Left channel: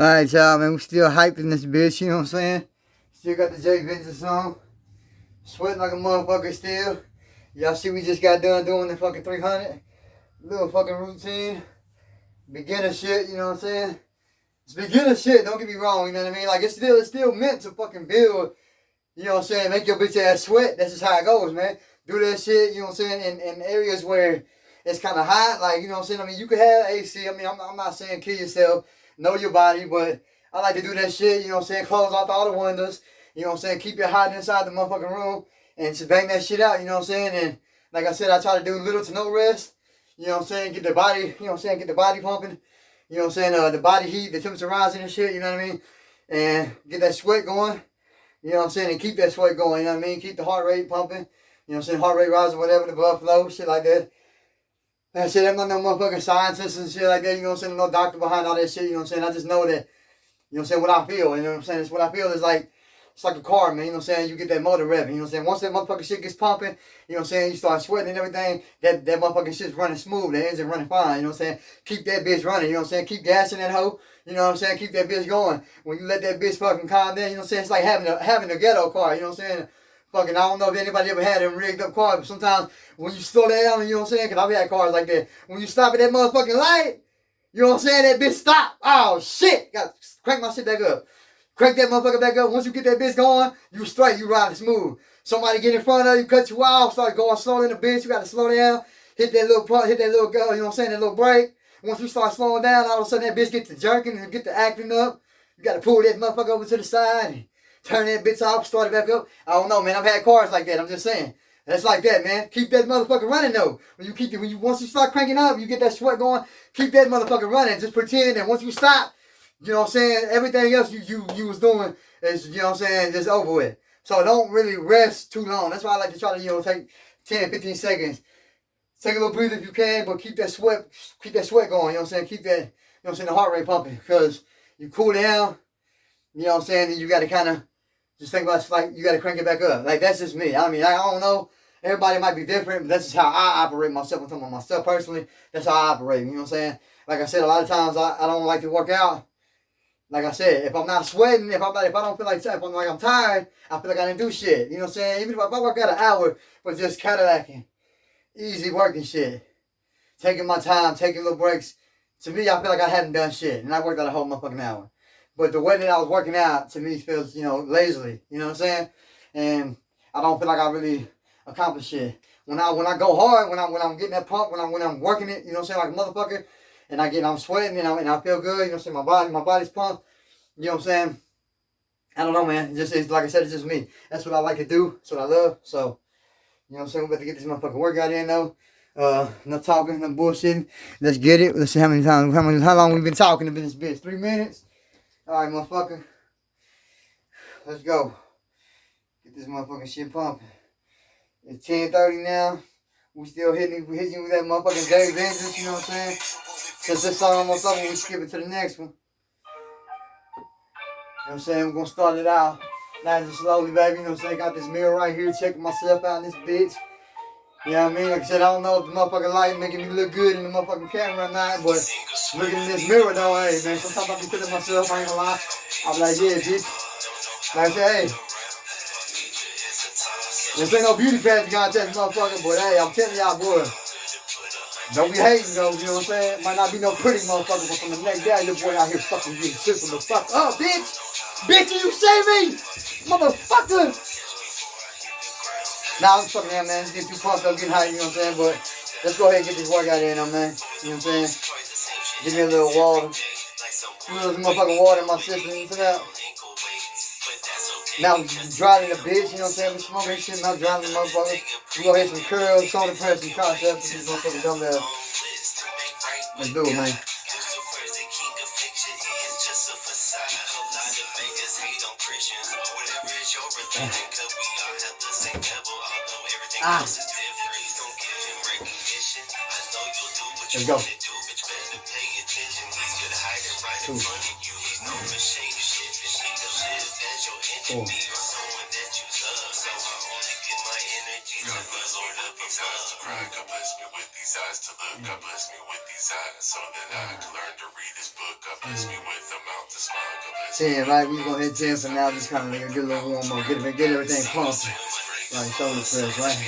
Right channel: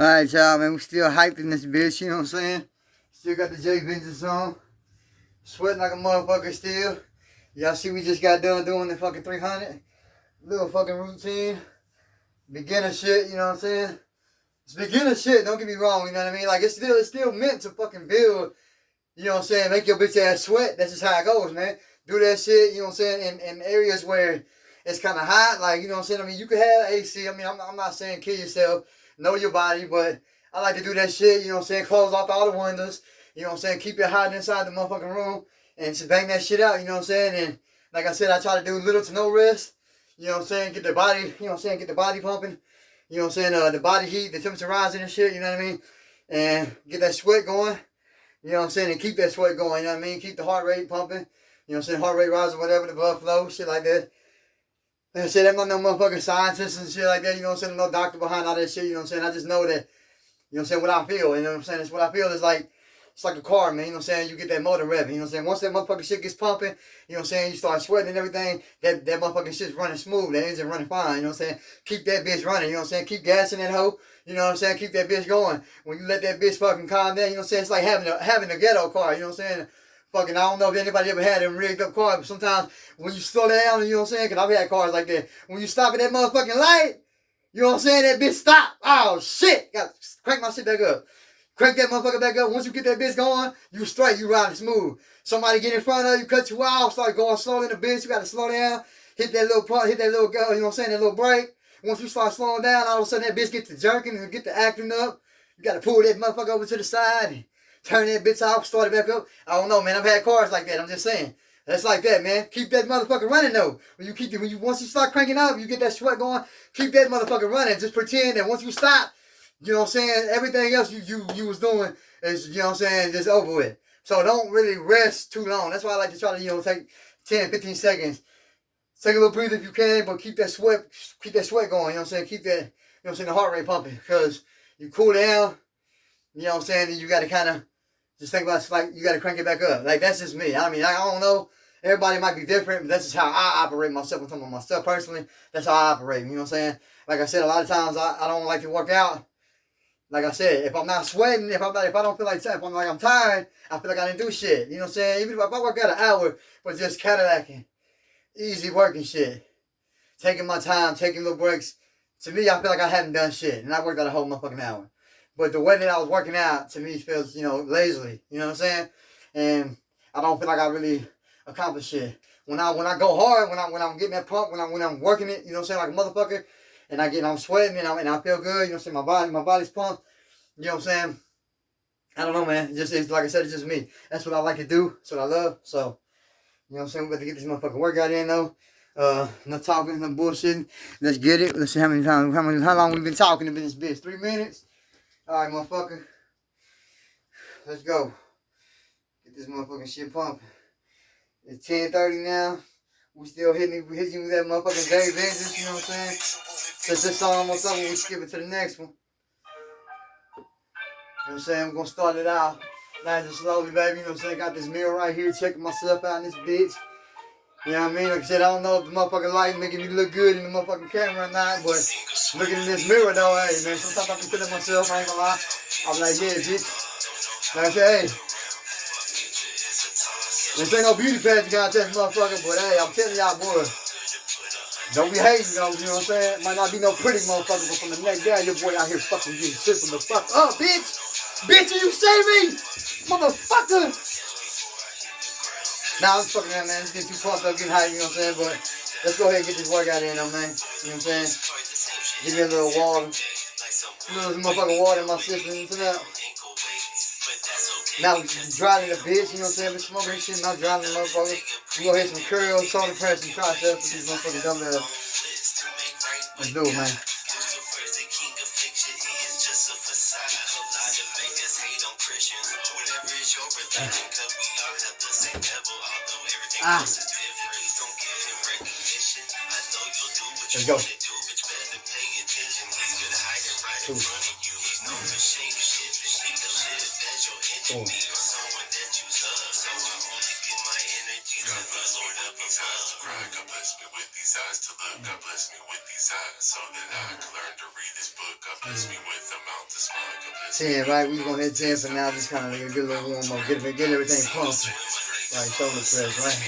Alright, y'all, man. We still hyped in this bitch, you know what I'm saying? Still got the J.Vengeance on. Sweating like a motherfucker still. Y'all see we just got done doing the fucking 300. Little fucking routine. Beginner shit, you know what I'm saying? It's beginner shit, don't get me wrong, you know what I mean? Like, it's still meant to fucking build, you know what I'm saying? Make your bitch ass sweat. That's just how it goes, man. Do that shit, you know what I'm saying? In areas where it's kind of hot, like, you know what I'm saying? I mean, you could have AC. I mean, I'm not saying kill yourself. Know your body, but I like to do that shit, you know what I'm saying? Close off all the windows, you know what I'm saying? Keep it hot inside the motherfucking room and just bang that shit out, you know what I'm saying? And like I said, I try to do little to no rest, you know what I'm saying? Get the body, you know what I'm saying? Get the body pumping, you know what I'm saying? The body heat, the temperature rising and shit, you know what I mean? And get that sweat going, you know what I'm saying? And keep that sweat going, you know what I mean? Keep the heart rate pumping, you know what I'm saying? Heart rate rising, whatever, the blood flow, shit like that. Like I said, I'm not no motherfucking scientist and shit like that, you know what I'm saying? No doctor behind all that shit, you know what I'm saying? I just know that, you know what I'm saying, what I feel, you know what I'm saying? It's what I feel is like, it's like a car, man, you know what I'm saying? You get that motor revving, you know what I'm saying? Once that motherfucking shit gets pumping, you know what I'm saying? You start sweating and everything, that motherfucking shit's running smooth, that engine running fine, you know what I'm saying? Keep that bitch running, you know what I'm saying? Keep gassing that hoe, you know what I'm saying? Keep that bitch going. When you let that bitch fucking calm down, you know what I'm saying? It's like having a ghetto car, you know what I'm saying? Fucking, I don't know if anybody ever had a rigged up car, but sometimes when you slow down, you know what I'm saying? Because I've had cars like that. When you stop at that motherfucking light, you know what I'm saying? That bitch stop. Oh, shit. Got to crank my shit back up. Crank that motherfucker back up. Once you get that bitch going, you straight. You riding smooth. Somebody get in front of you, cut you off, start going slow in the bitch. You got to slow down. Hit that little pump, hit that little, you know what I'm saying? That little brake. Once you start slowing down, all of a sudden that bitch get to jerking and get to acting up. You got to pull that motherfucker over to the side and turn that bitch off, start it back up. I don't know, man. I've had cars like that. I'm just saying. That's like that, man. Keep that motherfucker running though. Once you start cranking up, you get that sweat going. Keep that motherfucker running. Just pretend that once you stop, you know what I'm saying, everything else you was doing is, you know what I'm saying, just over with. So don't really rest too long. That's why I like to try to, you know, take 10, 15 seconds. Take a little breather if you can, but keep that sweat going, you know what I'm saying? Keep that, you know what I'm saying, the heart rate pumping. Because you cool down, you know what I'm saying, and you gotta kinda just think about it, like you gotta crank it back up. Like that's just me. I mean, I don't know. Everybody might be different, but that's just how I operate myself. I'm talking about myself personally. That's how I operate. You know what I'm saying? Like I said, a lot of times I don't like to work out. Like I said, if I'm not sweating, if I don't feel like, if I'm tired, I feel like I didn't do shit. You know what I'm saying? Even if I work out an hour, but just Cadillacing, easy working shit, taking my time, taking little breaks. To me, I feel like I hadn't done shit, and I worked out a whole motherfucking hour. But the way that I was working out, to me, feels, you know, lazily. You know what I'm saying? And I don't feel like I really accomplished shit. When I go hard, when I'm getting that pump, when I'm working it, you know what I'm saying, like a motherfucker, and I'm sweating and I feel good, you know what I'm saying, my body's pumped, you know what I'm saying? I don't know, man. It's like I said, it's just me. That's what I like to do. That's what I love. So, you know what I'm saying? We're about to get this motherfucking workout in though. No talking, no bullshitting. Let's get it. Let's see how long we've been talking in this bitch. 3 minutes. Alright, motherfucker. Let's go. Get this motherfucking shit pumping. It's 10:30 now. We still hitting with that motherfucking J.Vengeance, you know what I'm saying? Since this song almost over, we skip it to the next one. You know what I'm saying? We're gonna start it out nice and slowly, baby. You know what I'm saying? Got this mirror right here, checking myself out in this bitch. You know what I mean? Like I said, I don't know if the motherfucking light making me look good in the motherfucking camera or not, but looking in this mirror though, hey man, sometimes I can feel it myself, I ain't gonna lie. I'm like, yeah, bitch. Like I said, hey. This ain't no beauty pageant contest, motherfucker, but hey, I'm telling y'all, boy, don't be hating though, you know what I'm saying? Might not be no pretty motherfucker, but from the neck down, your boy out here fucking getting shit from the fuck up, bitch! Bitch, you see me? Motherfucker! Nah, I'm just fucking around, man. Just getting too pumped up, getting hyped, you know what I'm saying? But let's go ahead and get this workout in, man. You know what I'm saying? Give me a little water. A little motherfucking water in my system, you know what I'm saying? Now I'm driving the bitch, you know what I'm saying? Been smoking shit, not driving the motherfucker. We go hit some curls, shoulder press, some triceps with these motherfucking dumbbells. Let's do it, man. Let's go. Cool. these eyes to look. God bless me with these eyes so that I can learn to read this book. God bless me with a mouth to smile. God bless me. Saying, right, we gonna hit 10 for now, just kind of get a little warm up, get everything pumping. Like shoulder press, right?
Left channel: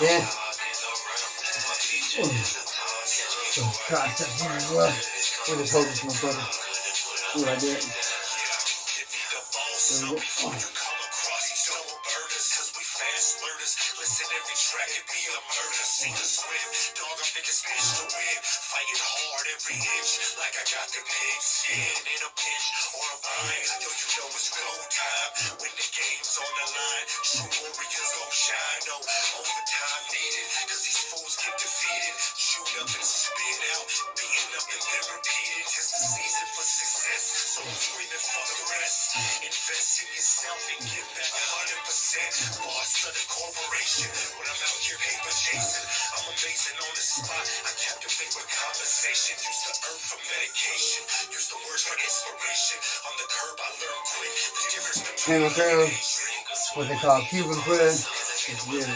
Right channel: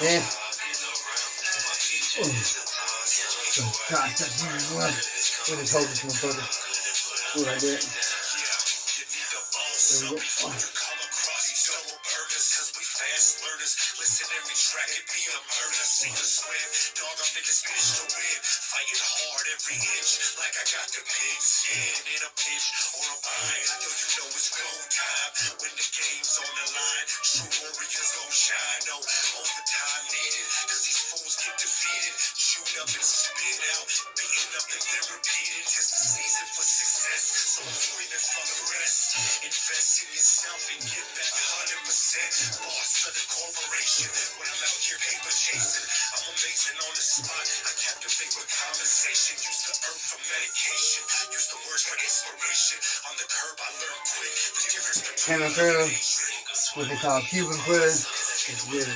Yeah. Gosh, that's really well. We'll just hold this motherfucker. Ooh, like that. There we go. Oh. Listen, every track it be a murder. See the swim, dog, I'm in this bitch to win. Fighting hard every inch, like I got the pigs. Yeah, in a pinch or a bind. Yo, you know it's go time when the game's on the line. True warriors gon' shine. No overtime needed, cause these fools get defeated. Shoot up and spit out, beating up and then repeat it. It's the season for success, so I'm screaming for the rest. Invest in yourself and give back 100%. Boss of the corporation, when I'm out here paper chasing, I'm amazing on the spot. I captivate with conversation. Use the herb for medication, use the words for inspiration. On the curb I learn quick the difference between what they call Cuban press. It's good.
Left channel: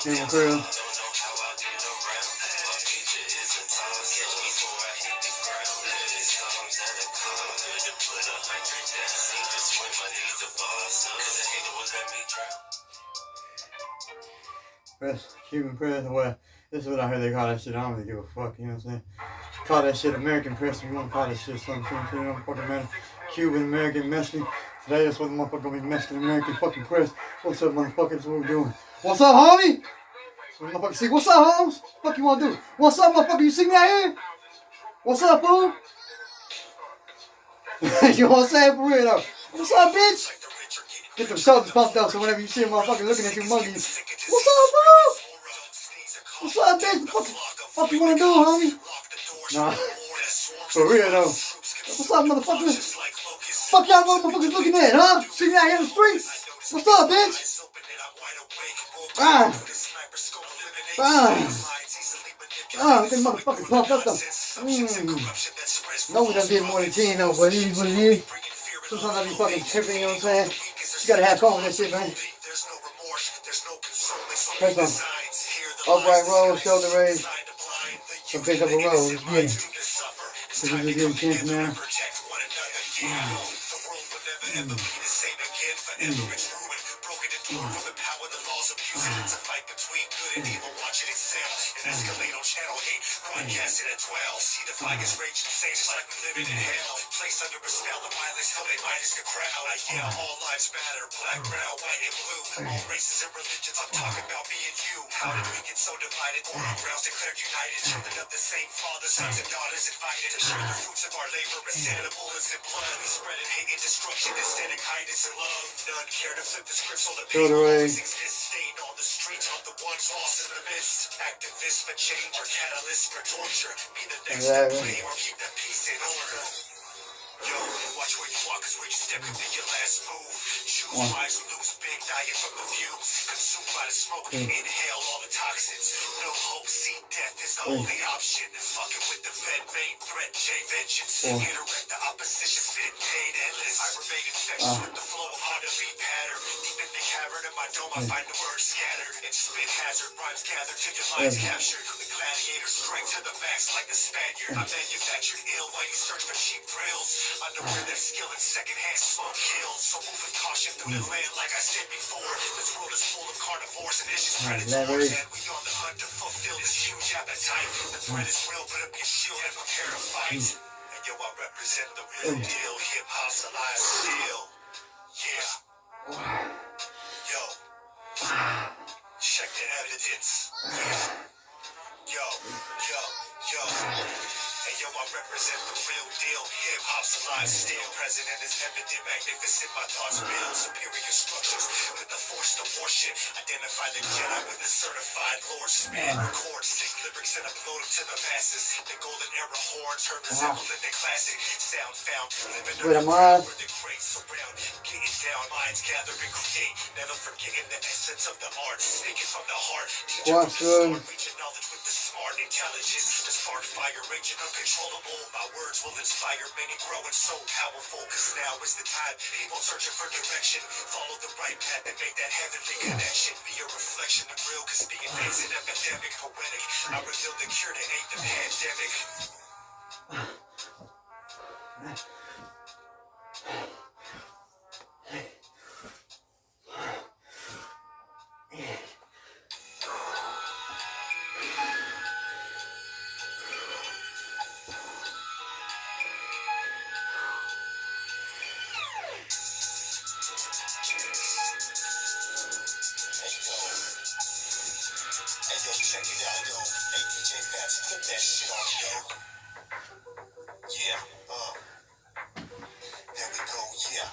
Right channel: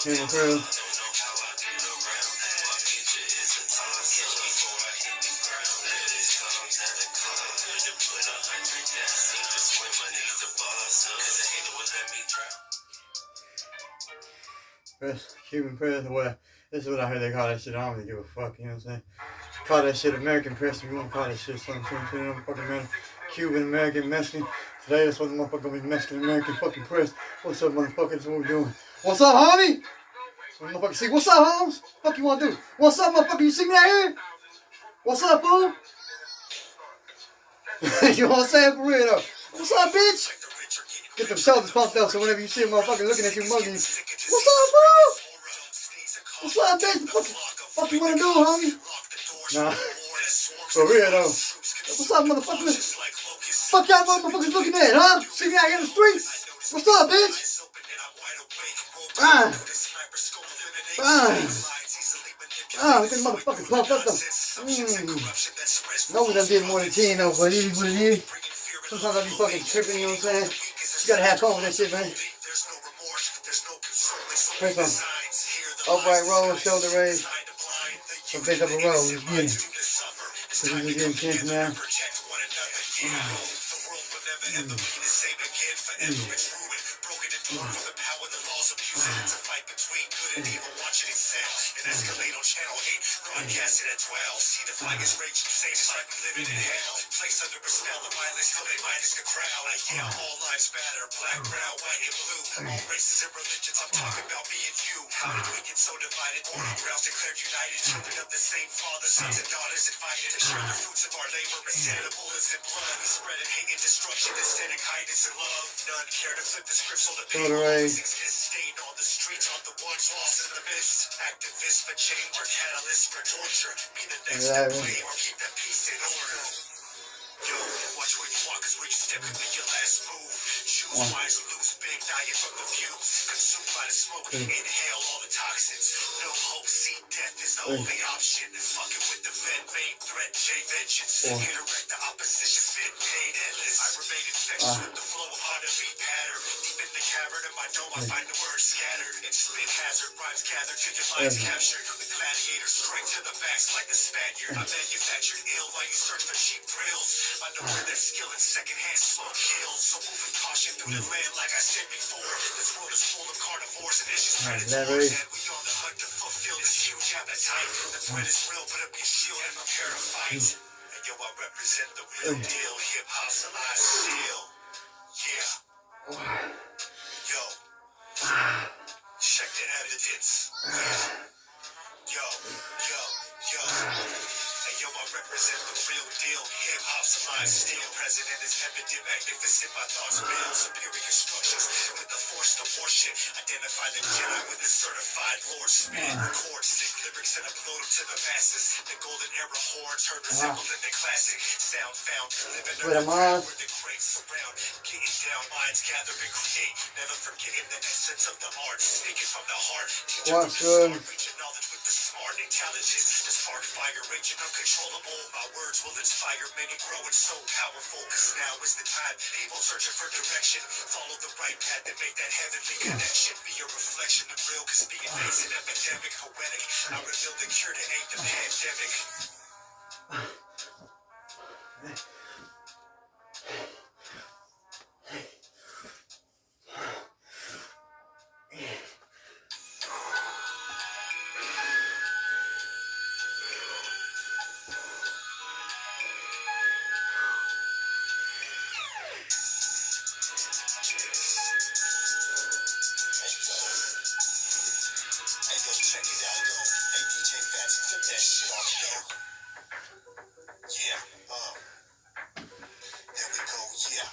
Cuban press. Press, Cuban press, or what? This is what I heard they call that shit. I don't really give a fuck, you know what I'm saying? Call that shit American press, if you want to call that shit something, it don't fucking matter. Cuban, American, Mexican. Today, that's what the motherfucker gonna be Mexican, American fucking press. What's up, motherfucker? That's what we're doing. What's up, homie? Motherfucker, see, what's up, Holmes? What the fuck you want to do? What's up, motherfucker? You see me out here? What's up, fool? You know what I'm saying? For real, though. What's up, bitch? Get them shoulders pumped up so whenever you see a motherfucker looking at you mugging, what's up, bro? What's up, bitch? What the fuck you want to do, homie? Nah. For real, though. What's up, motherfucker? Fuck y'all motherfuckers looking at, huh? See me out here in the streets? What's up, bitch? Fine. Get motherfucking pumped up, though. No, we done did more than 10, though, but it is what it is. Sometimes I be fucking tripping, you know what I'm saying? You gotta have fun with that shit, man. Press on. Upright roll, shoulder raise. So pick up a roll, let's get it. So we just getting 10 now. Escalate on channel 8, broadcasted at 12. See the flaggers rage and say just like we living in hell. Place under a spell of violence till they minus the crowd. I yell all lives matter, black, brown, white, and blue. All races and religions, I'm talking about me and you. How did we get so divided? All our grounds declared united. Children of the same father, sons and daughters invited to share the fruits of our labor instead of bullets and blood. We spreading hate and destruction instead of kindness and love. None care to flip the script so the pain always exists. Stained on the streets of the ones lost in the mist. Activists for change or catalysts for torture. Be the next to blame or keep the peace in order. Yo, watch where you walk, cause where you step could be your last move. Choose wise or lose big, dying from the fumes. Consumed by the smoke, inhale all the toxins. No hope, see death is the only option. Fucking with the Fed, main threat, J.Vengeance. Interact the opposition, spit paid endless. I remain infectious with the flow, hard to beat pattern. Deep in the cavern of my dome, I find the words scattered. And spit hazard, rhymes gathered till your lines captured. The gladiator strength to the max like the Spaniard. I manufactured ill while you search for cheap thrills. Underwear their skill in secondhand smoke kills. So moving caution through the land like I said before. This world is full of carnivores and vicious predators. And we on the hunt to fulfill this huge appetite. The threat is real, put up your shield and prepare to fight. And yo, I represent the real deal. Hip hop's alive still. Yeah. Yo. Check the evidence. Yeah. Yo. Hey yo, I represent the real deal. Hip hop's alive still. President is evident, magnificent. My thoughts build superior structures with the force to worship. Identify the Jedi with the certified Lord Spit. Record sick lyrics and upload them to the masses. The golden era horns heard resembling the classic. Sound found, living under ground where the greats surround. Getting down, minds gather and create. Never forgetting the essence of the art. Speaking from the heart. Teaching from the start. Reaching knowledge with the smart intelligence. The spark fire raging uncontrollable. My words will inspire many, growing so powerful. Cause now is the time. People searching for direction. Follow the right path and make that heavenly connection. Be a reflection of real, cause being face an epidemic. Poetic. I reveal the cure to hate the pandemic. Hey yo, check it out, yo. Hey DJ Fats, flip that shit off, yo. Yeah, there we go, yeah.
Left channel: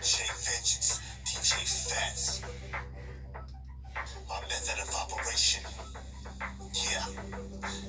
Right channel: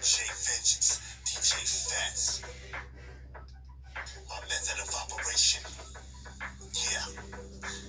J.Vengeance, DJ Fats. My method of operation. Yeah,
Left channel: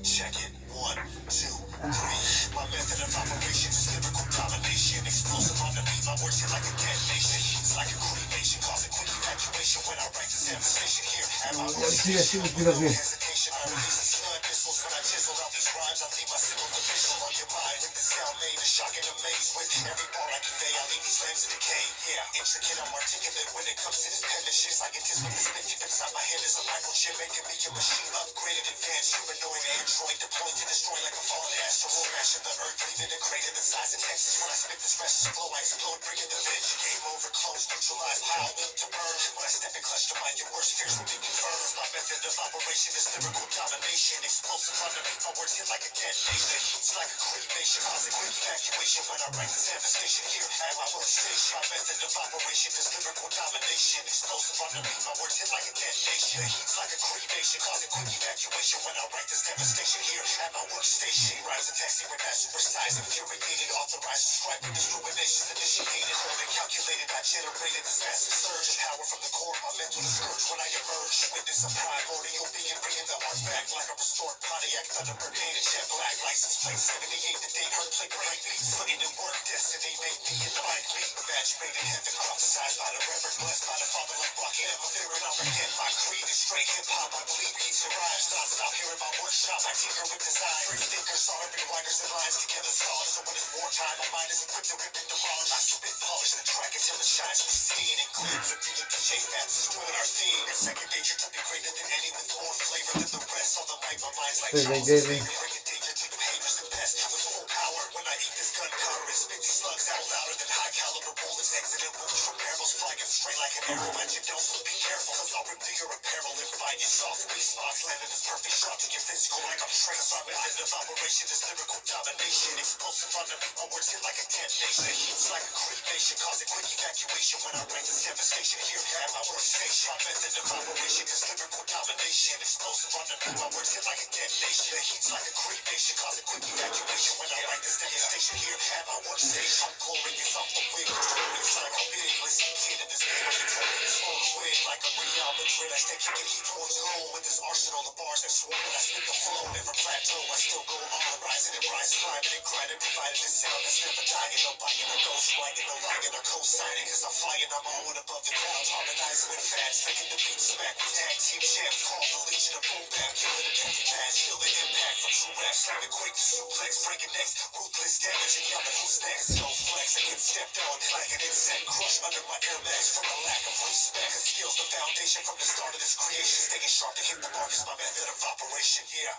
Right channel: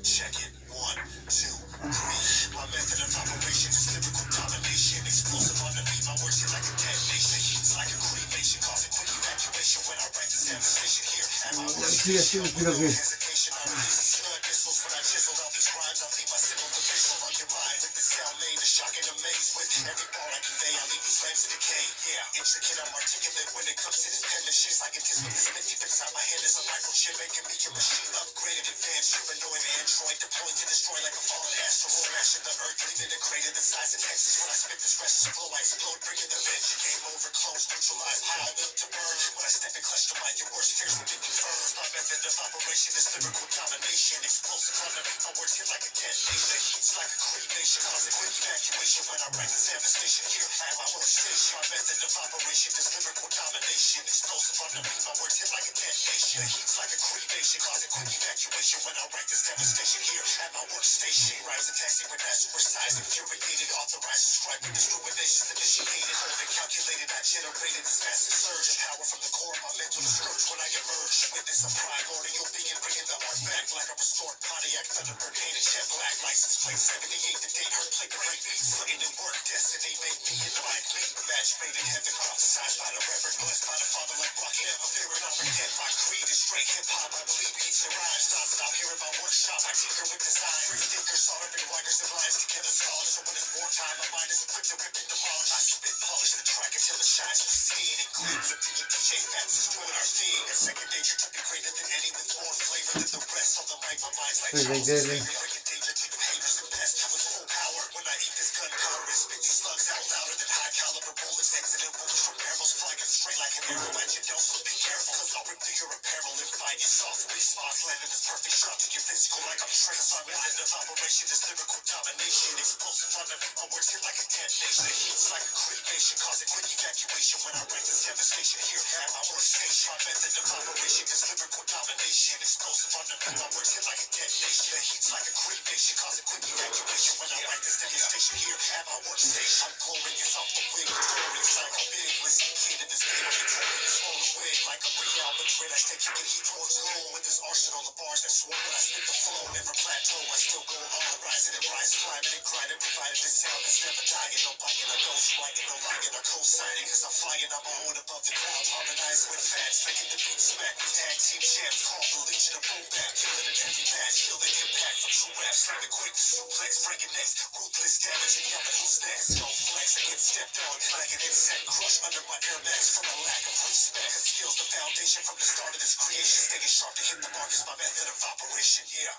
check it. 1, 2, 3. My method of operation is lyrical domination. Explosive on the beat, my words hit like a detonation. It's like a cremation, causing quick evacuation when I write this devastation here. At my workstation, no hesitation, I release these blood missiles. When I chisel out these rhymes, I leave my symbol official on your mind. With the sound made, a shock and amaze. With every bar I convey, I leave these flames to decay. Yeah, intricate, I'm articulate when it comes to this penmanship. I can taste with the spit deep inside my head is a microchip, making me a machine upgraded, advanced, humanoid android, deployed to destroy like a fallen asteroid, mashing the earth, leaving a crater the size of Texas. When I spit this restless flow, I explode, bringing the bitch. Game over, close, neutralized, how I built to burn. When I step and clutch the mic, your worst fears will be confirmed. My method of operation is lyrical domination. Explosive on the beat, my words hit like a detonation. The heat's like a cremation, causing quick evacuation when I write this devastation here at my workstation. My method of operation is lyrical domination. Explosive on the beat, my words hit like a detonation. The heat's like a cremation, causing quick evacuation when I write this devastation here at my workstation. Rhymes and taxi with that super size, infuriated, authorized, subscribe with discriminations initiated. Holding calculated, I generated this massive surge of power from the core of my mental scourge when I emerge. Witness a primordial being, bringing the art back like a restored Pontiac, Thunderbird, painted jet black, license plate 78, the date, hurt plate, break beats, putting in work, destiny, make me in the right beat. Match made in heaven, prophesied by the reverend, blessed by the father like rocket, never fearing I'll forget. My creed is straight hip-hop, I believe beats and rhymes, non-stop here in my workshop, I tinker with design, thinkers, soldering writers and lines together, scholars, so when it's wartime, my mind is equipped to rip and demolish. I spit, polish the track until it shines with steam and gleams. With me and DJ Fats is doing our theme. It's second nature to be greater than any, with more flavor than the rest. On the mic, my mind's like Charles Xavier, bringing danger to your haters and pests. With full power, when I eat this gunpowder, it spit these slugs out louder than high caliber bullets. Exiting wounds from barrels, flying straight like an arrow at your dome. So be careful, cause I'll rip through your apparel and find your soft weak spots. Landing this perfect shot to your physical like I'm trained. My method of operation is lyrical domination. Explosive on the beat, my words hit like a detonation. The heat's like a cremation, causing quick evacuation when I write this devastation here at my workstation. My method of operation is lyrical domination. Explosive on the beat, my words hit like a detonation. The heat's like a cremation, causing quick evacuation when I write this devastation here at my workstation. I'm glorious off the wing, glorious like a big. Listen, kid, in this game, I'm victorious on the wing like a Real Madrid. I stay kicking heat towards home with this arsenal of bars that swore when I spit the flow. Never plateau, I still go on, rising and rise, climbing and grinding, providing this sound that's never dying. No biting, no ghost writing, no lying, or co-signing. Cause I'm flying on my own above the clouds, harmonizing with fats, making the beat smack with tag team champs. Call the Legion of Boom Bap, killing in every match, feel the impact from true rap, slamming quick to suplex, breaking necks, ruthless damage, and yelling who's next. No flex, I get stepped on like an insect, crushed under my Air Max from a lack of respect. Cause skills the foundation from the start of this creation, staying sharp to hit the mark is my method of operation, yeah.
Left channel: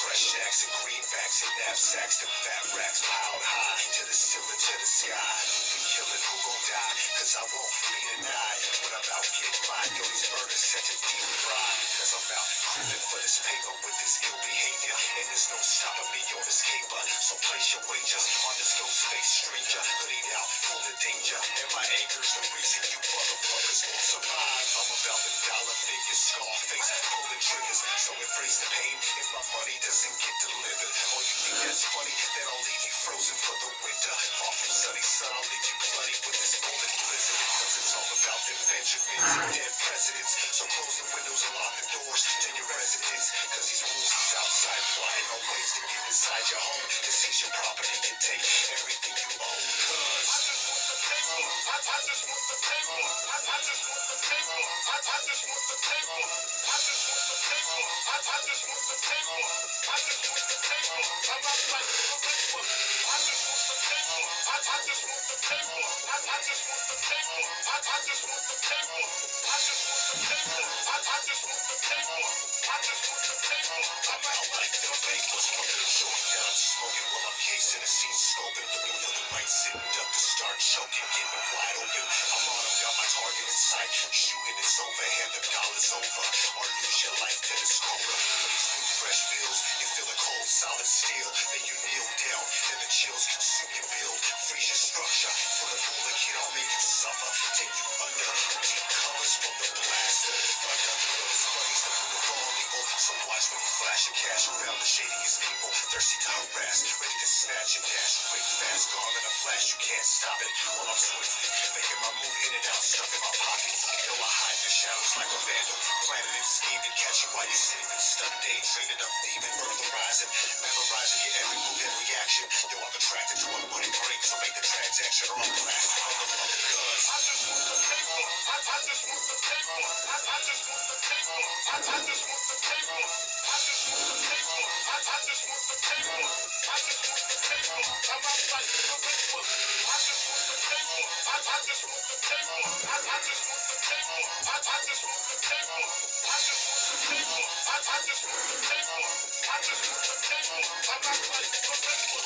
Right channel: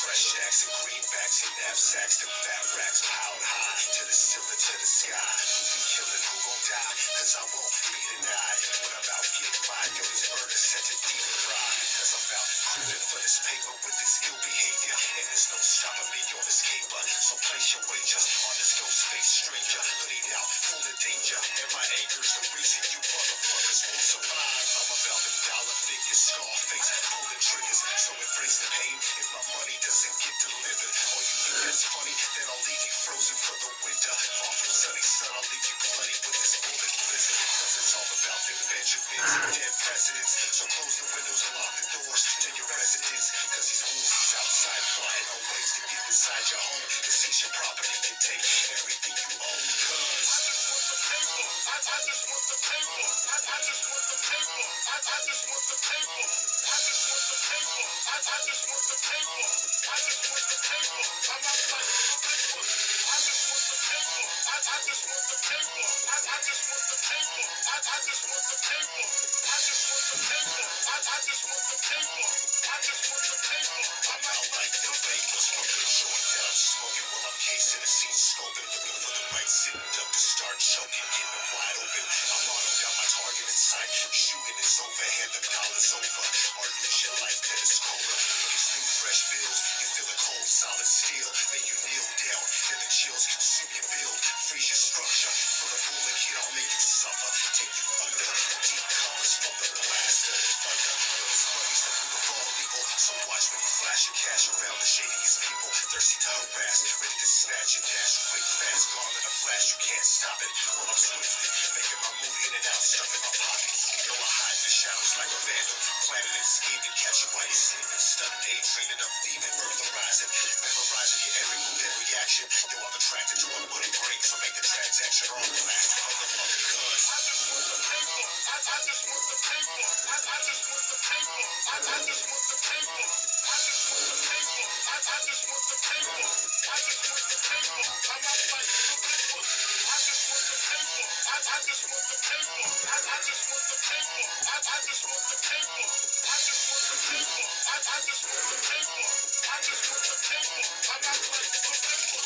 Fresh shacks and greenbacks and knapsacks, the fat racks piled high to the ceiling, to the sky. We killin' who gon' die, cause I won't be denied. When I'm out getting mine, yo, these burners set to deep fried. Cause I'm out cruising for this paper with this ill behavior. And there's no stopping me on this caper. So place your wagers on this ghost face stranger. Hoodied out, full of danger. And my anger's the reason you motherfuckers won't survive. I'm about them dollar figures, Scarface, pulling triggers. So embrace the pain if my money doesn't get delivered. Or you think that's funny, then I'll leave you frozen for the winter. Far from sunny sun, I'll leave you bloody with this bullet blizzard. Cause it's all about them Benjamins and dead presidents. So close the windows and lock the doors to your residence. Cause these wolves is outside plotting on ways to get inside your home. To seize your property and take everything you own. Cause I just want the paper. I just want the paper. I just want the paper. I just want the paper. I just want the paper. I just want the paper. I just want the paper. I'm not fighting for paper. I just want the paper. I just want the paper. I just want the paper. I just want the paper. I just want the paper. I just want the paper. I just want the paper. I'm out like the vapors. Smoking short that I'm smoking while I'm casing the scene scoping. Looking for the right sitting up to start choking. Getting them wide open. I'm on them, got my target in sight. Shooting it's over, hand the dollar's over. Or lose your life to this cobra. These new fresh bills, you feel the cold solid steel. Then you kneel down, then the chills consume your build. Freeze your structure. From the bullet hit, I'll make you suffer. Take you under. Deep covers from the blast of the thunder. Those money's the blue of all evil. So watch when you flash your cash around the shadiest people. Thirsty to harass, ready to snatch and dash. Quick, fast, gone in a flash, you can't stop it. While I'm swiftly making my move in and out, stuff in my pockets. Yo, I hide in the shadows like a vandal. Planning and scheming, catch you while you're sleeping. Stuck daydreaming of thieving, burglarizing. Memorizing your every move and reaction. Yo, I'm attracted to what wouldn't break, so make the transaction all plastic. Motherfucker, cuz I just want the paper. I just want the paper. I just want the paper. I just want the paper. I just want the paper. I just want the paper. I just want the paper. I'm not fighting for paper. I just want the paper. I just want the paper. I just want the paper. I just want the paper. I just want the paper. I just want the paper. I just want the paper. I'm not fighting for paper.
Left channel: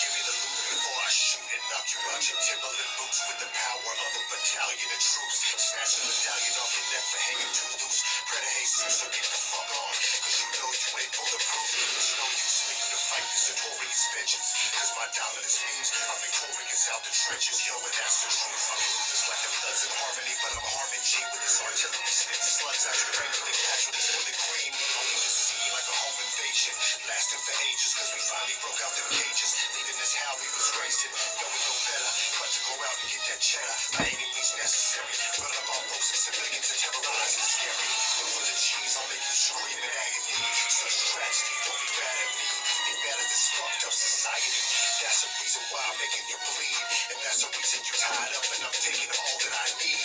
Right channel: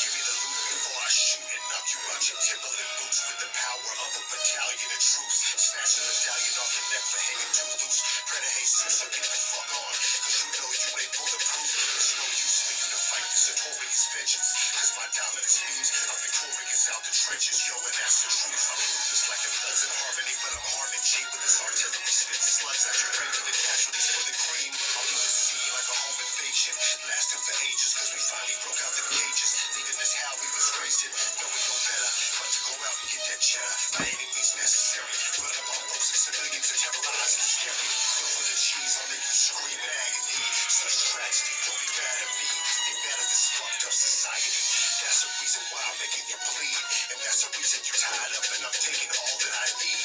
Give me the loot before I shoot and knock you out your Timberland boots with the power of a battalion of troops. Snatch a medallion off your neck for hanging too loose. Pray to Jesus, so get the fuck on. Cause you know you ain't bulletproof. There's no use for you to fight this notorious vengeance. Cause my dominance means I'm victorious out the trenches. Yo, and that's the truth. I'm ruthless like the thugs in harmony, but I'm harming G with this artillery spitting slugs out your brain with the casualties for the cream. I'll leave the sea like a home invasion, lasting for ages. Cause we finally broke out the cages, leaving this how we was raised in. Yo, we know better, but to go out and get that cheddar. By any means necessary, run up on those civilians and terrorize and scary. Look for the cheese, I'll make you scream in agony. Such tragedy, don't be mad at me. Be mad at this fucked up society. That's the reason why I'm making you bleed. And that's the reason you tied up and I'm taking all that I need.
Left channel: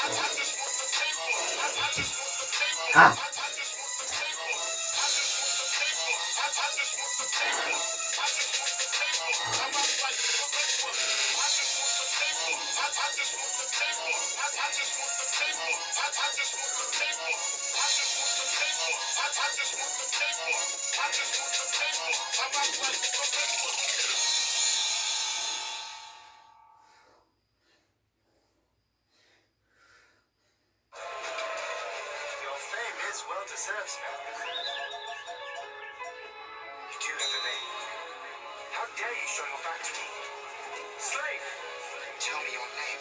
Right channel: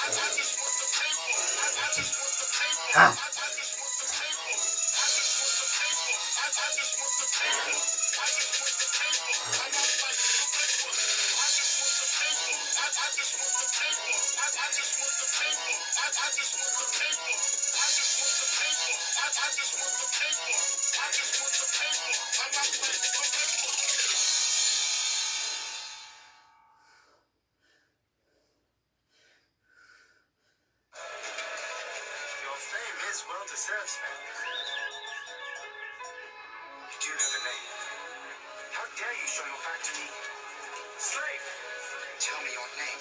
Cause I just want the paper. I just want the paper. I just want the paper. I just want the paper. I just want the paper. I just want the paper. I just want the paper. I'm not fighting for paper. I just want the paper. I just want the paper. I just want the paper. I just want the paper. I just want the paper. I just want the paper. I just want the paper. I'm not fighting for paper. Your fame is well deserved, Sparrow. You do have a name. How dare you show your back to me? Slave! Tell me your name.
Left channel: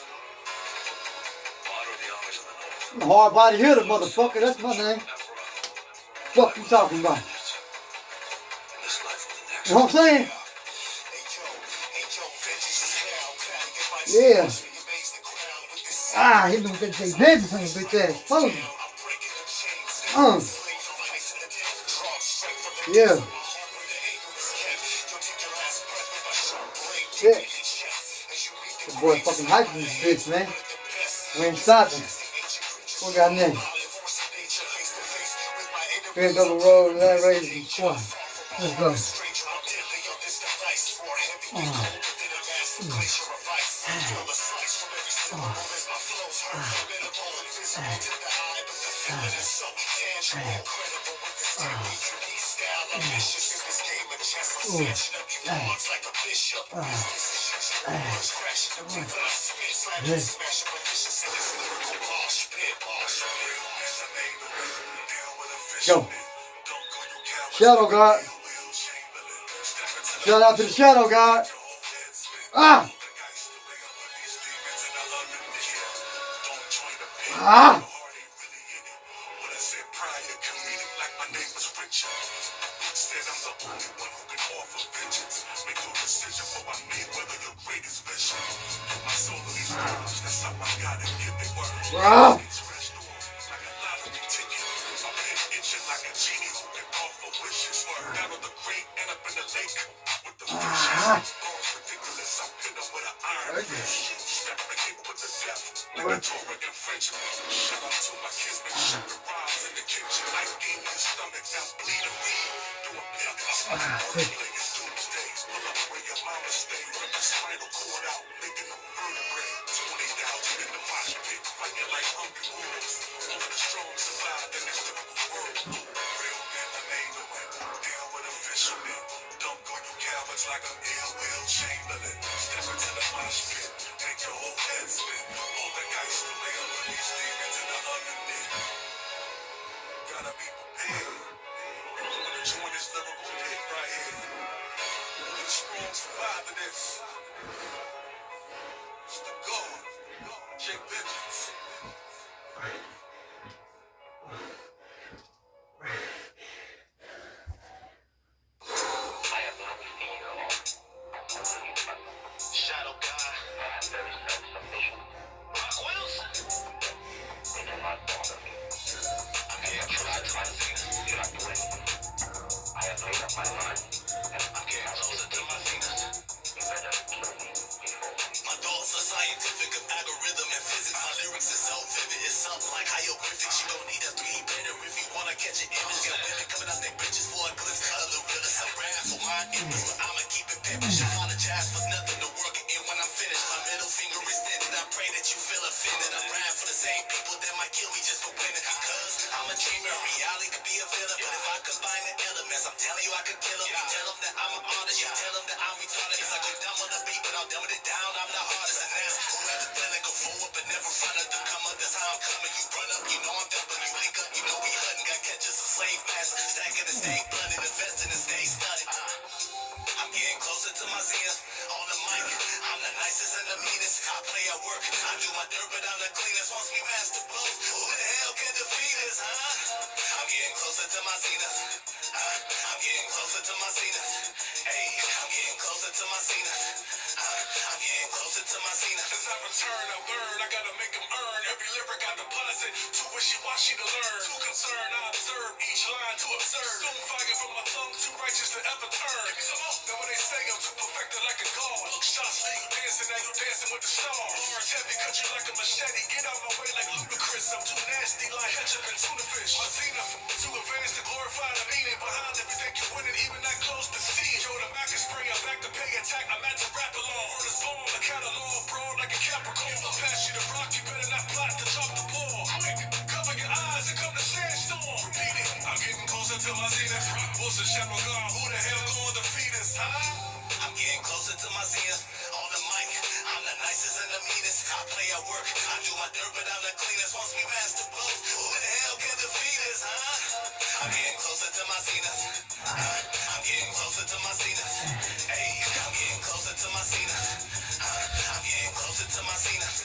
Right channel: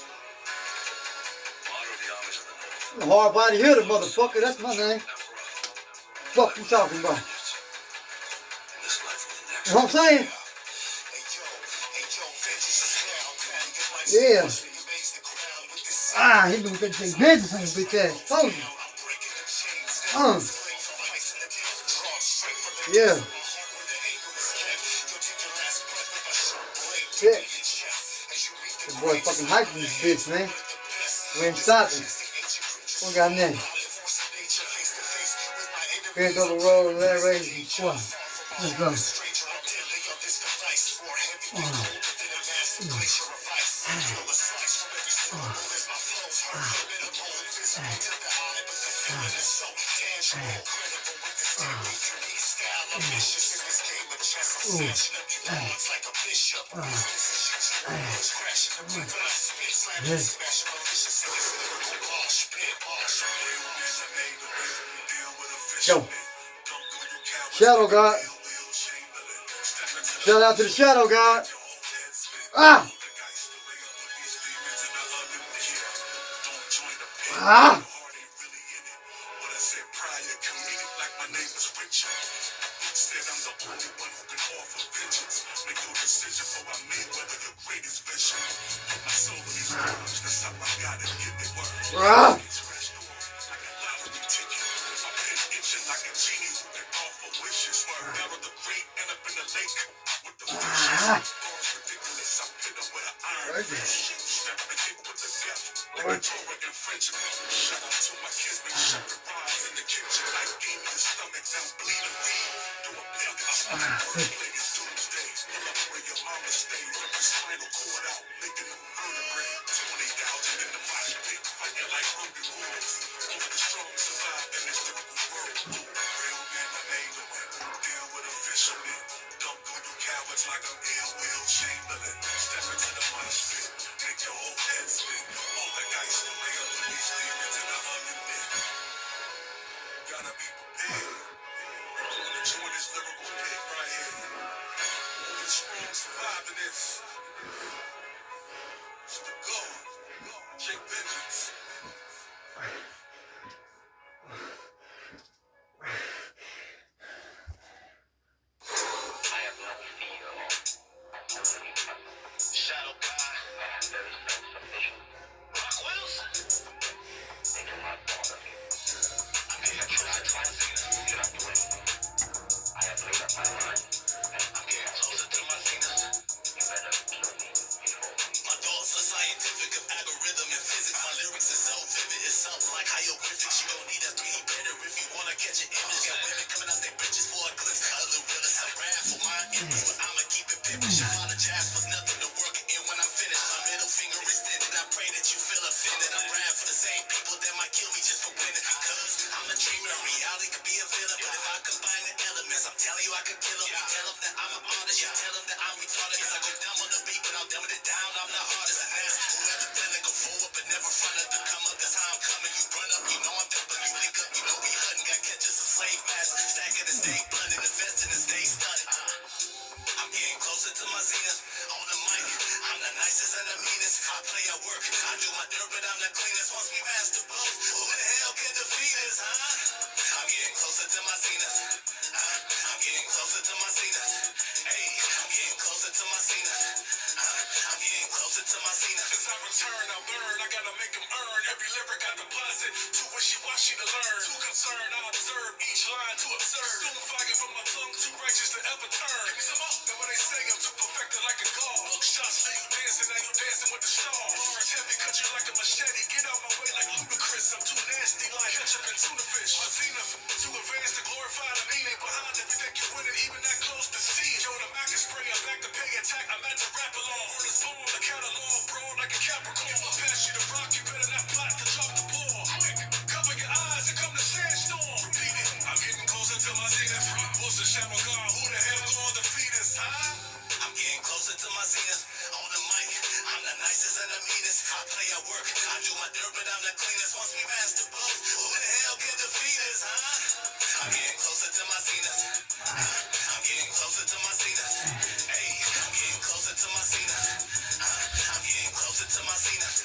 Honor the homage of the North. I'm a hard body hitter, motherfucker. That's my name. Fuck you talking about? In this life or the next. You know what I'm saying? Yeah. Ah, hit me with that J.Vengeance and bitch ass. Told you. Yeah. Shit. This boy fucking hiking this bitch, man. We ain't stopping. What got next? Here's the road, let raise and squat. Let's go. glacier of ice. Feel the slice from every syllable as my flows hurt. Formidable, invisible to the eye, but the feeling is so tangible. Incredible with this technique, unique style. I'm vicious in this game of chess. Snatching up you pawns like a bishop. Business as usual. Words crashing the beat when I spit. Slamming, smashing, malicious in this lyrical ball spit. Go. Shadow God. Shout out to the Shadow God. Ah! Ah! Ah! Like I'm ill will Chamberlain. Step into the mosh pit, make your whole head spin. All the dice to lay up with these demons in the underneath. Gotta be prepared. Gonna join this lyrical pit right here. The strong survive in this. It's the God. J.Vengeance. Shadow God. I have very self-sufficient. Rock Wilson. They do not bother me. I'm here to try to see them. Do not do anything. I have made up my mind. And I'm getting closer to my zenith. You better kill me before. My thoughts are scientific of algorithm and physics. My lyrics is so vivid. It's something like hieroglyphics. You don't need a 3D printer if you wanna catch an image. Got women coming out their bridges for a glimpse of the realest. I rap for my image, but I'ma keep it pimpish. Apologize for nothing to work it in when I'm finished. My middle finger extended. I pray that you feel offended. I'm riding for the same people that might kill me just for winning. Because I'm a dreamer. Reality could be a villain. But if I combine the elements, I'm telling you I could kill them. You tell them that I'm an artist. You tell them that I'm retarded. Cause I go down on the beat, but I'm dumbing it down. I'm the hardest. And that's whoever feeling go forward, but never front of the come up. That's how I'm coming. You run up, you know I'm there, but you link up, you know we hunting. Got catches a slave master. Stacking and stay blooded. Investing and stay studded. I'm getting closer to my zenith. On the mic, I'm the nicest and the meanest. I play at work, I do my dirt, but I'm the cleanest. Once we master both, who the hell can defeat us, huh? I'm getting closer to my zenith. I'm getting closer to my zenith. Hey, I'm getting closer to my zenith. I'm getting closer to my zenith. As I return, I learn. I gotta make them earn. Every lyric I deposit. Too wishy-washy to learn. Too concerned, I observe each line to observe. Soon fire from my tongue, too righteous to ever turn. Now when they say I'm too perfected like a god. Shots leave you dancing, now you dancing with the stars. Large, heavy, cut you like a machete. Get out my way like ludicrous. I'm too nasty like ketchup and tuna fish. My zenith, too advanced to glorify the meaning behind everything you winning, even that close to see. Yo, the Mac is spray, I'm back to pay attack. I'm at the rap along. Heard a song, a catalog, broad like a Capricorn. If I pass you the rock, you better not plot to drop the ball. Quick, cover your eyes and come to sandstorm. Repeat it, I'm getting closer to my zenith. Rock Wilson, Shadow God, who the hell gonna defeat us, huh? I'm getting closer to my zenith. On the mic, I'm the nicest and the meanest. I play at work, I do my dirt, but I'm the cleanest. Once we master both, who the hell can defeat us, huh? I'm getting closer to my zenith. I'm getting closer to my zenith. Hey, I'm getting closer to my zenith. I'm getting closer to my zenith.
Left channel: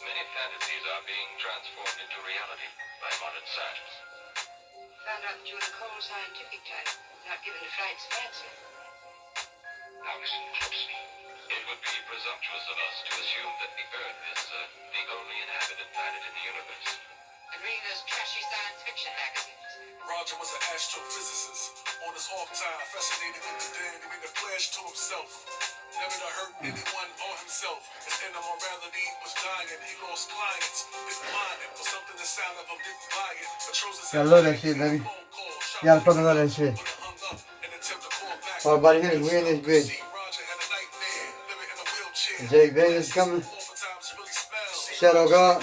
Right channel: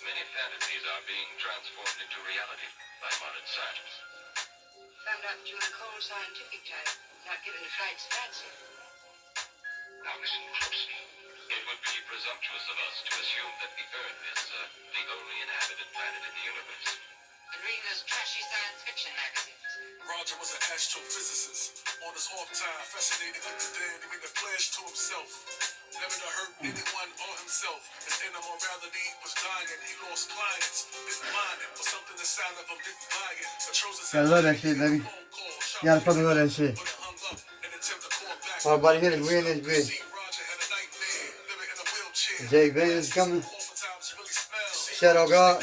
Many fantasies are being transformed into reality by modern science. Found out that you were the cold scientific type, not given to fright's fancy. Now listen closely. It would be presumptuous of us to assume that the Earth is the only inhabited planet in the universe. And reading those trashy science fiction magazines. Roger was an astrophysicist. On his off time, fascinated with the dead, he made a pledge to himself never to hurt anyone or himself. His inner morality was dying. He lost clients, didn't mind it, but something inside of him didn't buy it. Gotta love that shit, baby. You gotta fucking love that shit. Everybody here is weird in this bitch. J.Vengeance coming. Shadow God.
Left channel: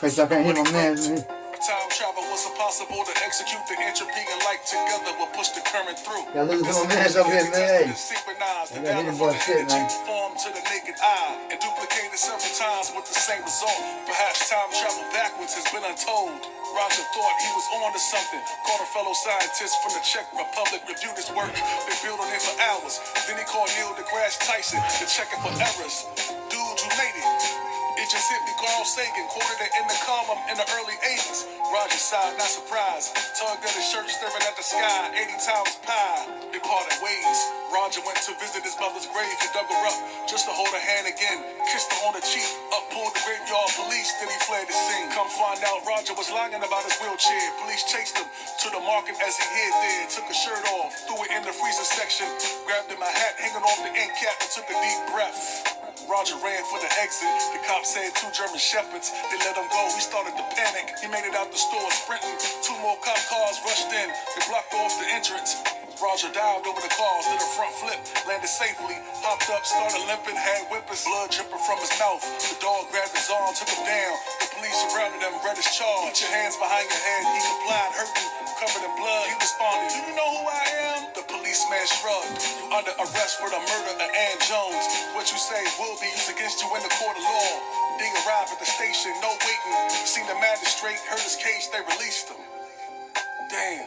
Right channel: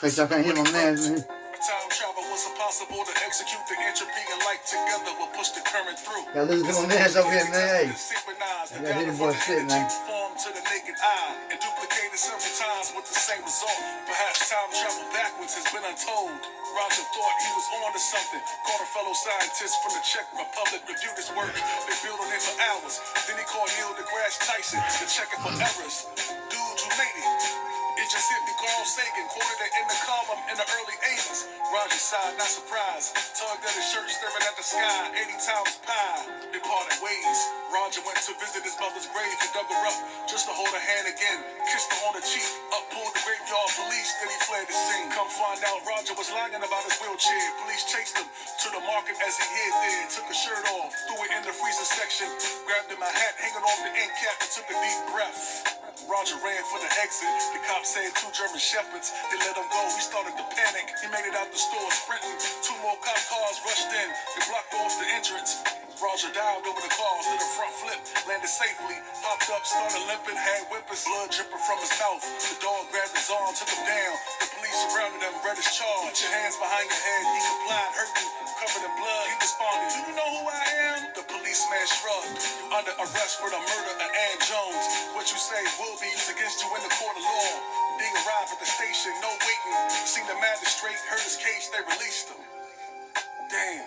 Cause y'all can't hear my man. Time travel was impossible to execute. The entropy and light together will push the current through. Y'all listen to my man over here, man. Hey. I got hit boy shit, man. Formed to the naked eye and duplicated several times with the same result. Perhaps time travel backwards has been untold. Roger thought he was on to something. Called a fellow scientist from the Czech Republic, reviewed his work. They built on it for hours. Then he called Neil deGrasse Tyson to check it for errors. Dude, you made it. It just hit me. Carl Sagan quoted it in the column in the early 80s. Roger sighed, not surprised. Tugged at his shirt, staring at the sky. 80 times pi. They parted ways. Roger went to visit his mother's grave and dug her up just to hold her hand again. Kissed her on the cheek. Up pulled the graveyard police. Then he fled the scene. Come find out, Roger was lying about his wheelchair. Police chased him to the market as he hid there. Took his shirt off, threw it in the freezer section. Grabbed him a hat hanging off the end cap and took a deep breath. Roger ran for the exit. The cops said 2 German shepherds. They let him go. He started to panic. He made it out the store sprinting. 2 more cop cars rushed in. They blocked off the entrance. Roger dived over the cars, did a front flip, landed safely, hopped up, started limping, had whippers, blood dripping from his mouth. The dog grabbed his arm, took him down. The police surrounded him, read his charge. Put your hands behind your head. He complied, hurting, covered in blood. He responded, "Do you know who I am?" The policeman shrugged. "You under arrest for the murder of Ann Jones. What you say will be used against you in the court of law." They arrived at the station, no waiting. Seen the magistrate, heard his case, they released him. Damn,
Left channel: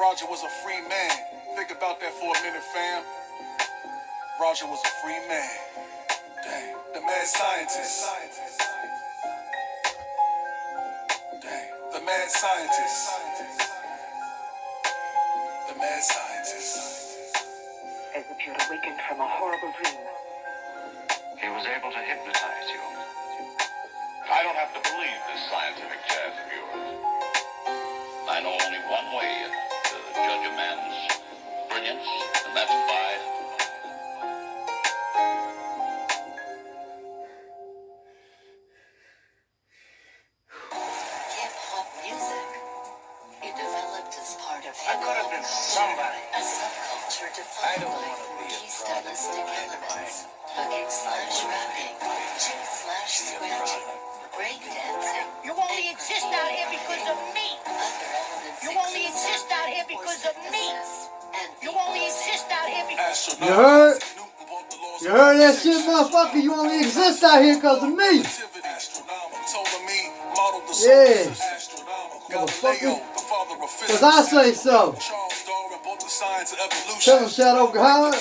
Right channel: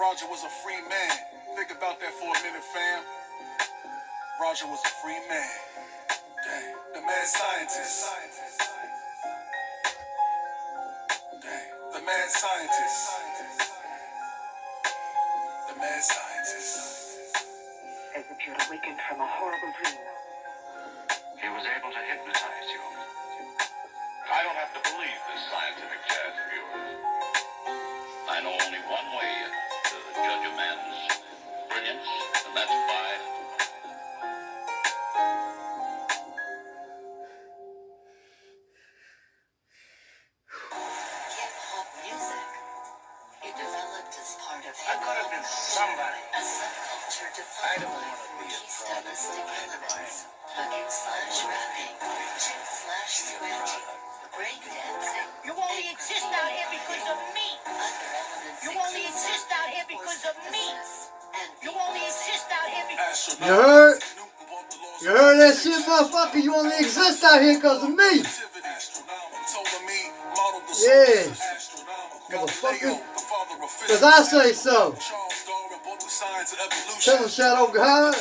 Roger was a free man. Think about that for a minute, fam. Roger was a free man. Dang, the mad scientist. Dang, the mad scientist. The mad scientist. As if you had awakened from a horrible dream. He was able to hypnotize you. I don't have to believe this scientific jazz of yours. I know only one way to judge a man's brilliance, and that's by hip-hop music. It developed as part of I could have been somebody. a subculture I defined don't by want to be 4G a stylistic elements. Hugging/rapping, jig/scratching, breakdancing. You only exist out here because of me. Other elements You only exist out here because of me. You only exist out here because You heard? You heard that shit, motherfucker? You only exist out here because of me. Yeah. Motherfucker. Because I say so. Tell him Shadow God.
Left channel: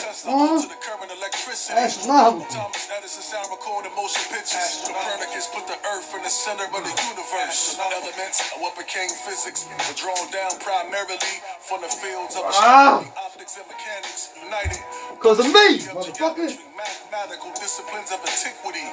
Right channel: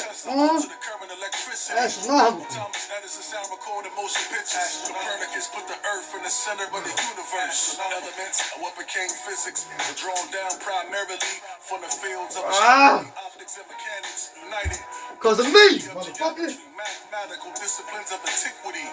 Astronomical. Thomas Edison sound recorded motion pictures. Copernicus put the earth in the center of the universe. Elements of what became physics were drawn down primarily from the fields of astronomy, optics, and mechanics united. Because of me, motherfucker. Mathematical disciplines of antiquity.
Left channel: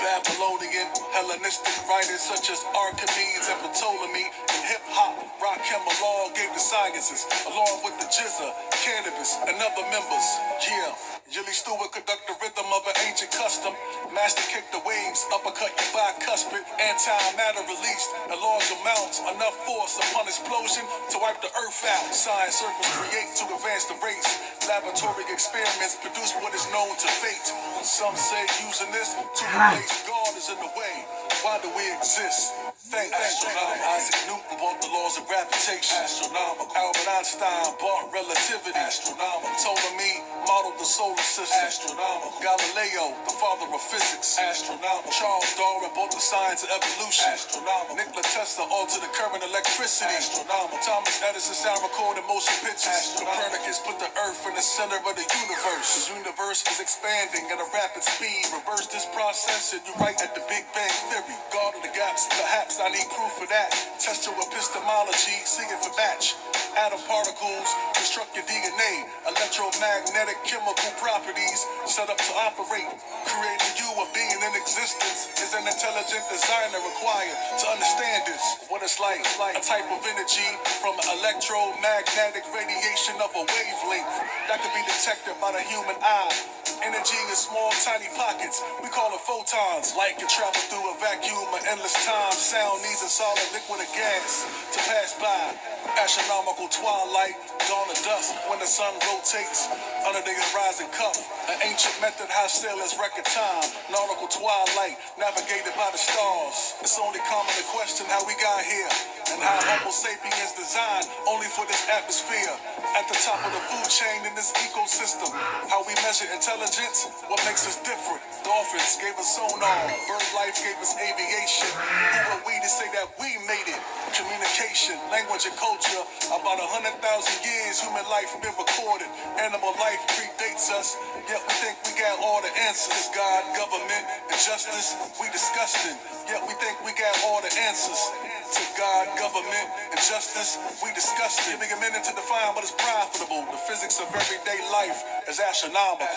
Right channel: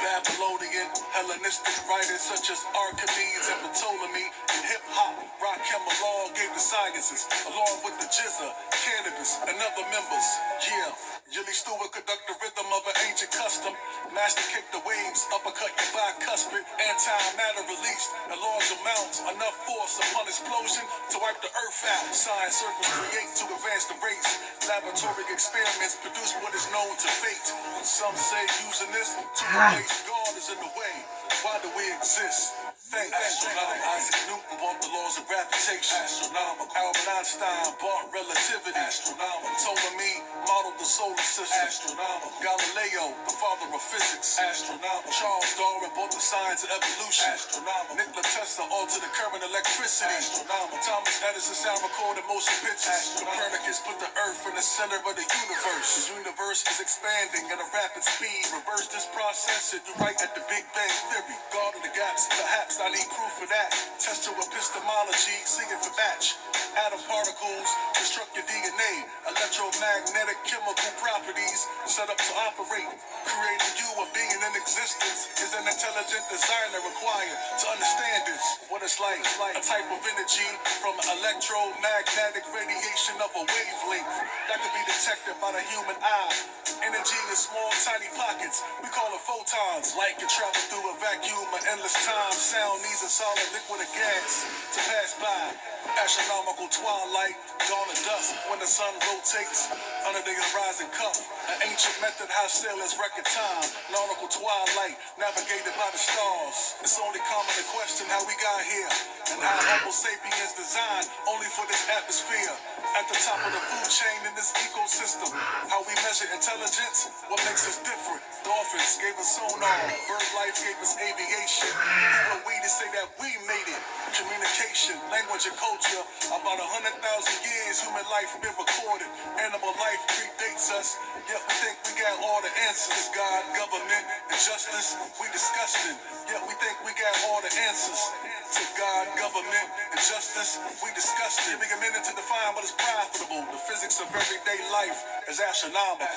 Babylonian, Hellenistic writers such as Archimedes and Ptolemy, and hip-hop, rock, law gave the sciences, along with the jizza, cannabis, and other members. Yeah. Jilly Stewart conduct the rhythm of an ancient custom. Master kick the waves, uppercut your bicuspid. Antimatter released in large amounts. Enough force upon explosion to wipe the earth out. Science circles create to advance the race. Laboratory experiments produce what is known to fate. Some say using this to replace God is in the way. Why do we exist? Thank Isaac Newton brought the laws of gravitation. Astronomical. Albert Einstein brought relativity. Astronomical. Ptolemy modeled the solar system. Astronomical. Galileo, the father of physics. Astronomical. Charles Darwin brought the science of evolution. Astronomical. Nikola Tesla altered the current electricity. Astronomical. Thomas Edison sound recorded motion pictures. Copernicus put the earth in the center of the universe. The universe is expanding at a rapid speed. Reverse this process and you're right at the Big Bang Theory. God of the gaps, perhaps I need proof for that. Test your epistemology, see if it match. Atom particles construct your DNA. Electromagnetic chemical properties set up to operate. Creating you a being in existence is an intelligent designer required to understand this. What it's like a type of energy from electromagnetic radiation of a wavelength that could be detected by the human eye. Energy in small, tiny pockets. We call it photons. Light can travel through a vacuum of endless time. Sound needs a solid liquid or gas to pass by. Astronomical twilight, dawn of dusk when the sun rotates under the horizon cup. An ancient method how sailors record time. Nautical twilight, navigated by the stars. It's only common to question how we got here and how Homo sapiens designed only for this atmosphere. At the top of the food chain in this ecosystem, how we measure intelligence, what makes us different. Dolphins gave us sonar, bird life gave us aviation. Who are we to say that we made it? Communication, language, and culture. About 100,000 years, human life been recorded. Animal life predates us, yet we think we got all the answers. God, government, and justice, we disgusting. Yet we think we got all the answers. To God, government, and justice, we disgusting. Giving a minute to define what is profitable. The physics of everyday life is astronomical.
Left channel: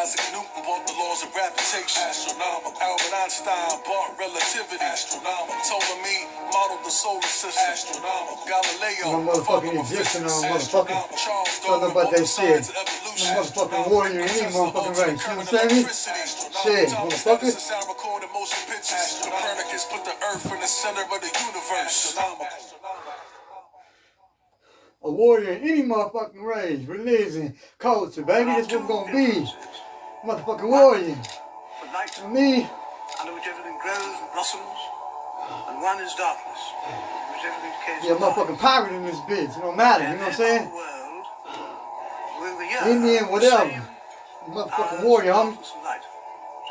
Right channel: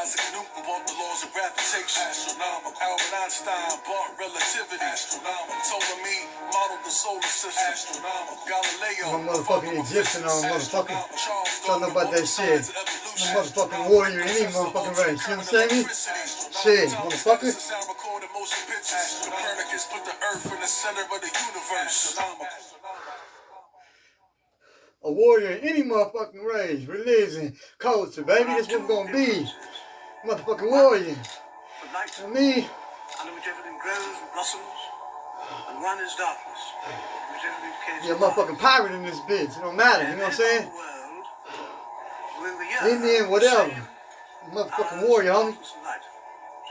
Isaac Newton brought the laws of gravitation. Astronomical. Albert Einstein brought relativity. Astronomical. Ptolemy modeled the solar system. Astronomical. Galileo. No motherfucking Egyptian on motherfucking. Don't know about that shit. No motherfucking warrior, any motherfucking race. You know what I'm saying? Shit, motherfucker. Copernicus put the earth in the center of the universe. A warrior in any motherfucking race, religion, culture, baby. That's what we're gonna be. Motherfucking warrior. You know what I mean? Under which everything grows and blossoms, and one is darkness, which everything cares. Yeah, motherfucking pirate in this bitch. It don't matter. You know what I'm saying? Indian, whatever. Motherfucking warrior, homie.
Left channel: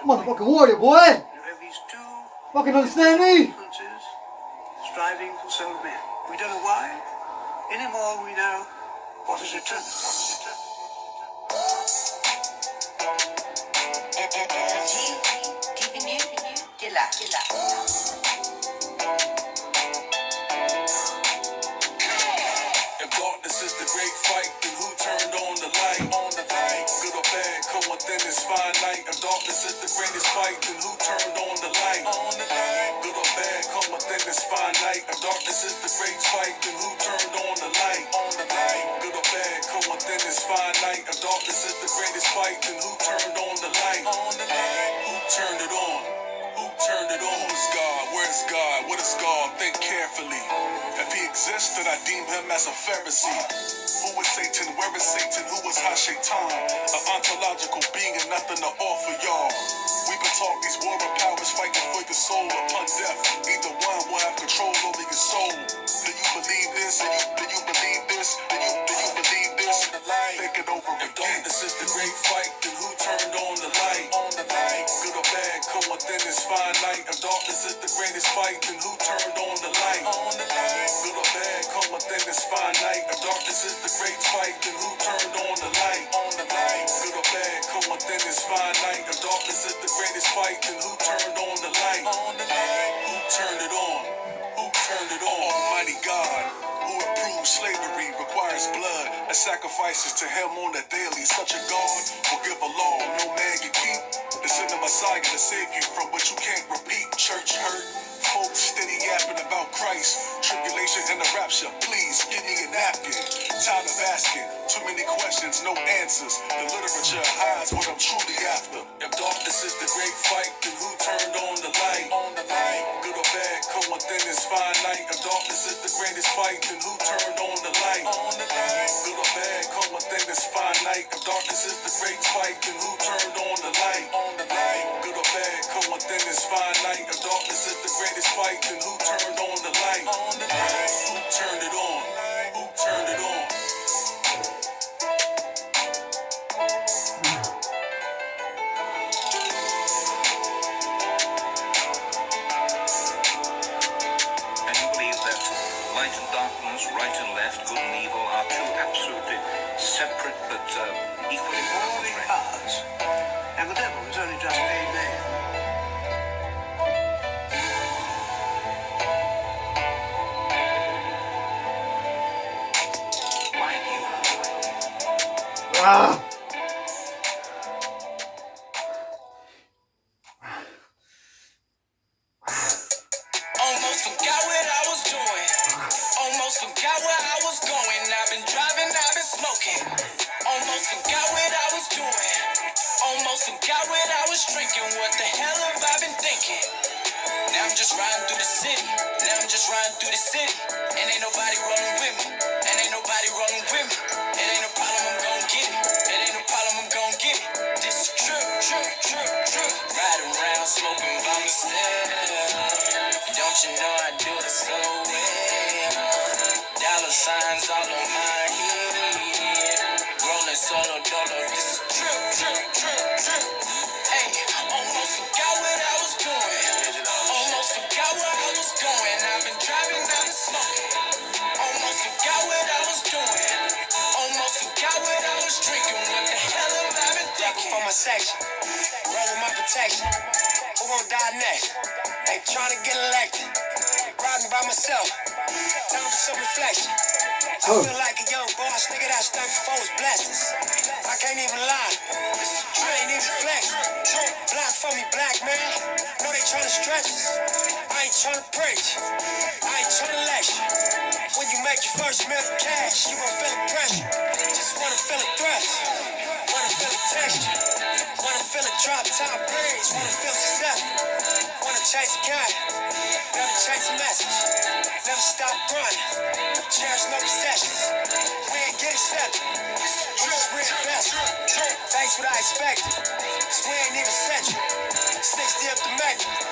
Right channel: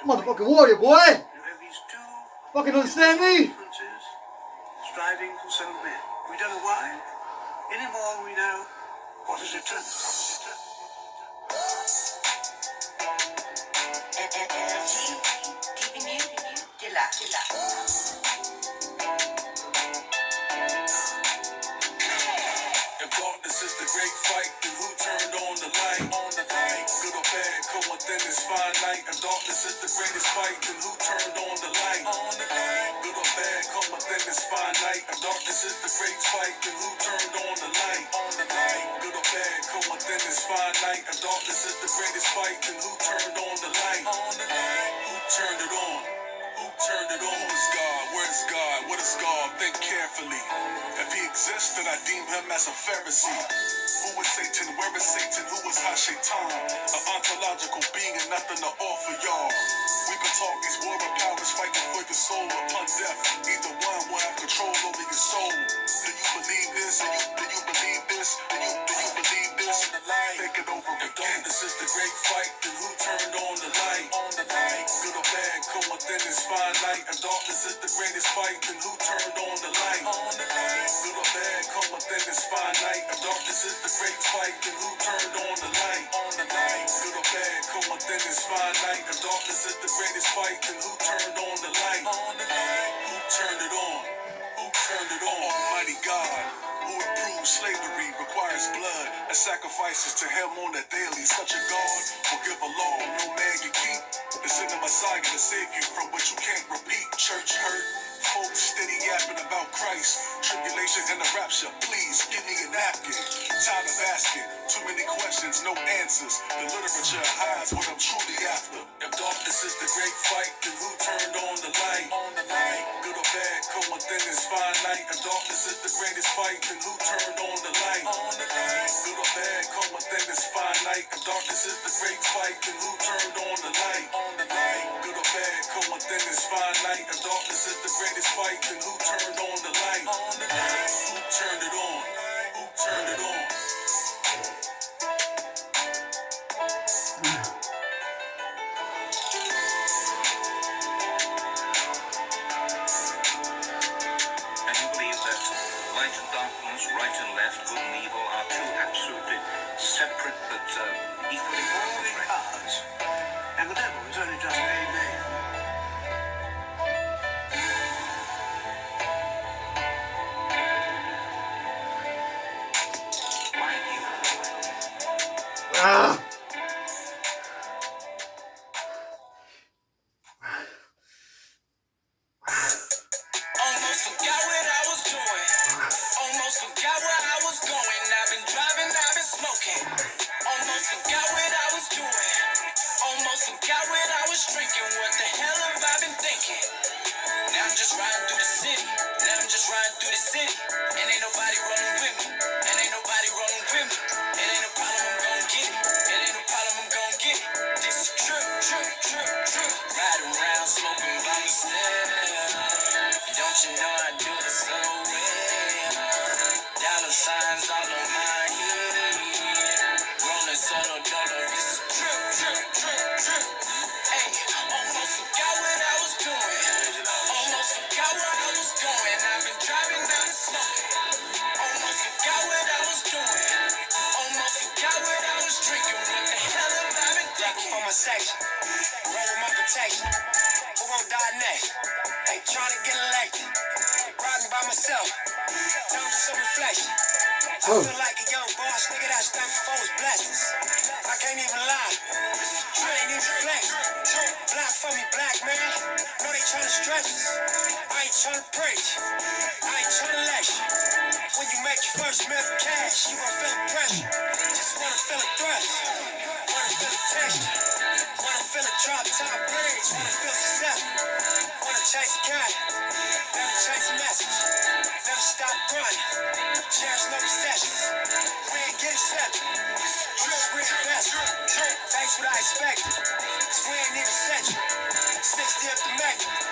Motherfucking warrior, boy. Fucking understand me? Striving for so many. We don't know why. Anymore we know what is eternal. Keeping you killer. If darkness is the great fight, then who turned on the light? Good or bad, come within this finite. If darkness is the greatest fight, then who turned on the light? Good or bad, come within this finite. If darkness is the great fight, then who turned on the light? Good or bad, come within this finite. If darkness is the greatest fight, then who turned on the light? Who turned it on? Who turned it on? Who is God? Where is God? What is God? Think carefully. If he exists, then I deem him as a Pharisee. Who is Satan? Where is Satan? Who is Ha-Shaitan? An ontological being and nothing to offer y'all. We've been taught these warring powers fighting for your soul upon death. Either one will have control over your soul. Do you believe this? Do you believe this? Do you believe this? Think it over again. If darkness is the great fight, then who turned on the light? Good or bad, come within this finite. If darkness is the greatest fight, then who turned on the light? Good or bad, come within this finite. If darkness is the great fight, then who turned on the light? Good or bad, come within this finite. If darkness is the greatest fight, then who turned on the light? Who turned it on? Who turned it on? Almighty God, who approves slavery, requires blood and sacrifices to him on a daily. Such a God will give a law no man can keep. To send a Messiah to save you from what you can't repeat. Church hurt, folks steady yapping about Christ, tribulation and the rapture. Please give me a napkin. Time of asking, too many questions, no answers. The literature hides what I'm truly after. If darkness is the great fight, then who turned on the light? Good or bad, come within this finite. If darkness is the greatest fight, then who turned on the light? Good or bad, come within this finite. If darkness is the great fight, then who turned on the light? Good or bad, come within this finite. If darkness is the greatest fight, then who turned on the light? Who turned it on? Who turned it on? And you believe that light and darkness, right and left, good and evil are two absolutely separate but equally Warring important. powers. And the devil is only just a man. Why you? Ah. section. Roll with my protection. Who gon' die next? Ain't trying to get elected. Riding by myself. Time for some reflection. I feel like a young boss, nigga that stand for his blessings. I can't even lie. You ain't even flex. Black for me, black man. Know they tryna stretch us. I ain't tryna preach. I ain't tryna lecture. When you make your first million cash, you gon' feel the pressure. Just wanna feel a thrust. Wanna feel the texture. Wanna feel a drop top bridge. Wanna feel successful. Wanna chase a guy. Never change the message. Never stop grinding. Cherish no recessions. We ain't get accepted. We just reinvest. Thanks what I expected. Cause we ain't even set you. 60 up the make.